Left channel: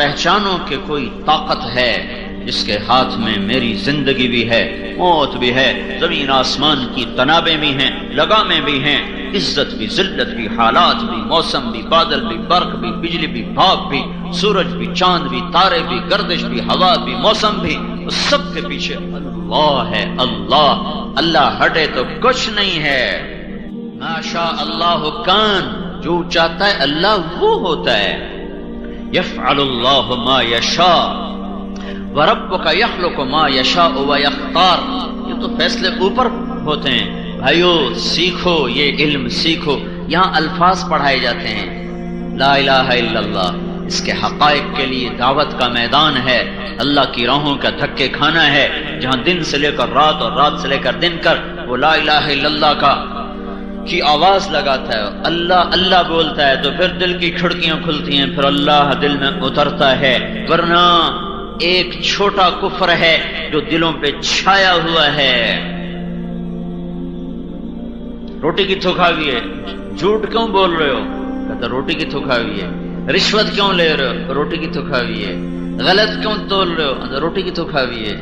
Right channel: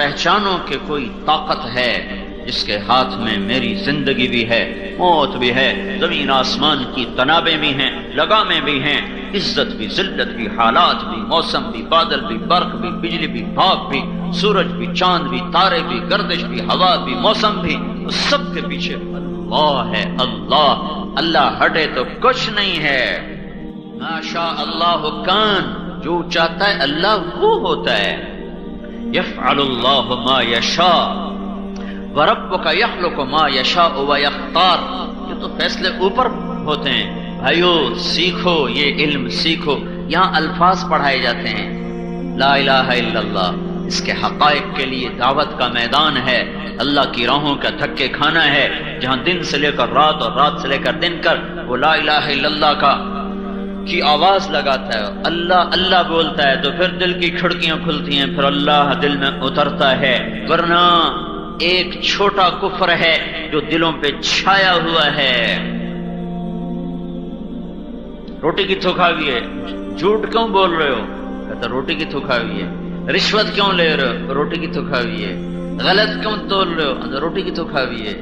پہچانو کہ کوئی طاقت ہے جس کے ہاتھ میں میری زندگی بھی ہے، موت بھی ہے، زمین آسمان کی تنابیں بھی ہیں، لگامیں بھی ہیں، عزت بھی، ذلت بھی، حالات بھی، موسم بھی، بادل بھی، برق بھی، بجلی بھی، بھاپ بھی، سورج بھی، چاند بھی، تارے بھی، گردش بھی، ہوا بھی، موسم بھی، اس سب کے پیچھے اللہ ہے۔ اللہ ہٹے تو کچھ نہیں ہے۔ ما شاء اللہ کان، جو چاہتا ہے اللہ وہ ہوتا ہے۔ یفعل اللہ ما یشاء وربک یخلق ما یشاء ویختار، یہ تو فیصلے اوپر ہوتے ہیں۔ بھائیو سیکھو، یہ علم سیکھو۔ یہاں الفاظ پڑھائے جاتے ہیں، لا الہ الا اللہ، اس کے حقائق کے لیے دعوت کا میدان ہے، اللہ کی راہوں کا دھکے کھانا ہے، جہاں دن سے لے کر رات اور رات سے لے کر دن کر وہ لا الہ الا اللہ کی آواز لگاتا ہے، اللہ اللہ بولتا ہے، تو پھر دل کی کھڑکیاں کھلتی ہیں، پھر اللہ دل میں اترتا ہے۔ ورنہ ایک چھوٹا کفر ہے جو دلوں پہ چھایا ہوا ہے۔ روٹی کی تھوکا ہوئی ہے، جھوٹ کیوں بول رہے ہو؟ کہتا روٹی کی تھوکا ہوئی ہے۔ رشوت کیوں لے رہے ہو؟ روٹی کی تھوکا ہوئی ہے۔ غلط کیوں تول رہے ہو؟ روٹی کی تھوکا ہوئی ہے۔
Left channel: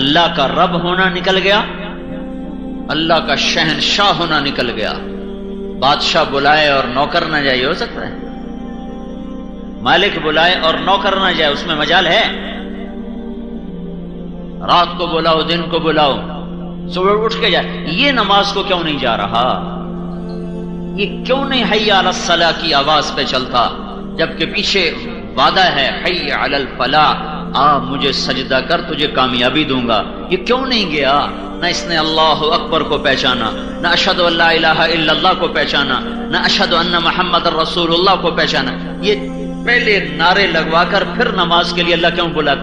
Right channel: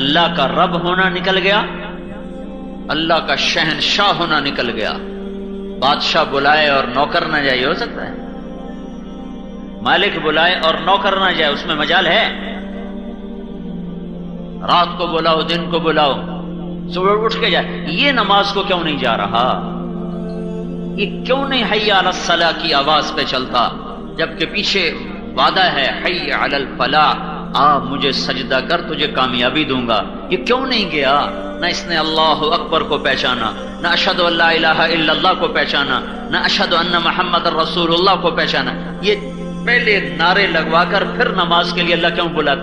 اللہ کا رب ہونا نکل گیا، اللہ کا شہنشاہ ہونا نکل گیا۔ بادشاہ بلائے اور نوکر نہ جائے، ہو سکتا ہے؟ مالک بلائے اور نوکر نہ جائے، اس میں مجال ہے؟ رات کو بلاؤ، دن کو بلاؤ، صبح اٹھ کے جائے۔ یہ نماز کو کیوں نہیں جا رہا؟ یہ کیوں نہیں حی علی الصلاح کی آواز پہ چلتا، جبکہ پیچھے وعدہ ہے حی علی الفلاح، آ مجھے سجدہ کر، تجھے کامیابی دوں گا۔ یہ کیوں نہیں گیا؟ نہ اس نے اللہ اکبر کو پہچانا، نہ اشہد ان لا الہ الا اللہ کو پہچانا، نہ اشہد ان محمد رسول اللہ کو پہچانا۔ یہ پہلے نعرے لگوا کر پھر نماز کے لیے اللہ کیوں بلا؟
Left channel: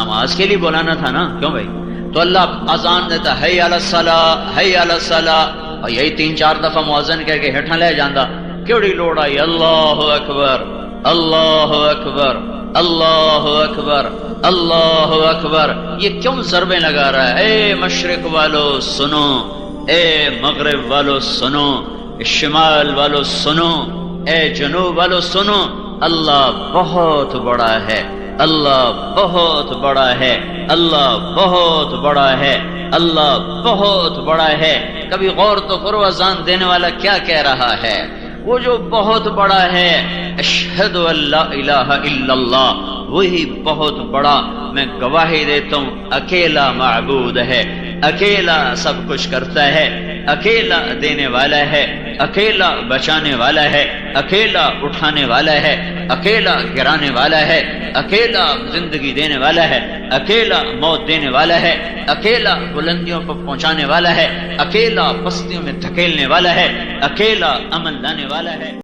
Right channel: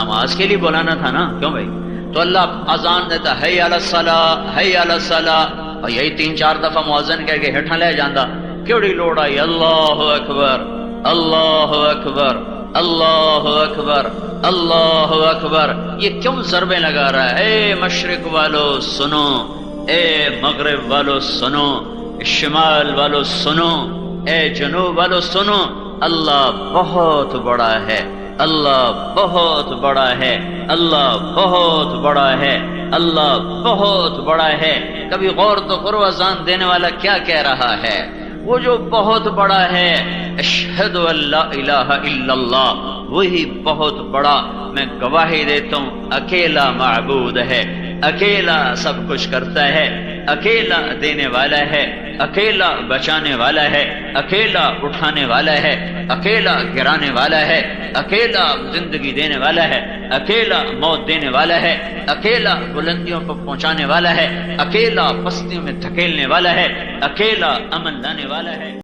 نماز کے لیے بلانا تھا نا، کیوں بھائی؟ تو اللہ اذان دیتا حی علی الصلاح، حی علی الصلاح، اور یہی 3-4 دفعہ مؤذن کہہ کے ہٹھا لے جاندہ، کیڑی لوڑ آئی اللہ اکبر، اللہ اکبر، اللہ اکبر، اللہ اکبر۔ یہ کیوں ضربیں لگا رہا ہے؟ اے مشرق والو سنو، اے مغرب والو سنو، شمال والو سنو، اے جنوب والو سنو، اللہ بہت بڑا ہے، اللہ بہت بڑا ہے، اللہ بہت بڑا ہے، اللہ بہت بڑا ہے۔ کبھی غور تو کرو اذان دینے والا کیا کہہ رہا ہے؟ وہ جو بہت بڑا ہے، اشہد ان لا الہ الا اللہ، وہی بہت بڑا، میں گواہی دیتا ہوں اکیلا معبود ہے، اکیلا سب کچھ کرتا ہے، اکیلا دینے والا ہے، اکیلا بچانے والا ہے، اکیلا اٹھانے والا ہے، اکیلا گرانے والا ہے، اکیلا زندگی دینے والا ہے، اکیلا موت دینے والا ہے، اکیلا بلندیوں کو پہنچانے والا ہے، اکیلا پستیوں میں دھکیلنے والا ہے، اکیلا امن لانے والا ہے۔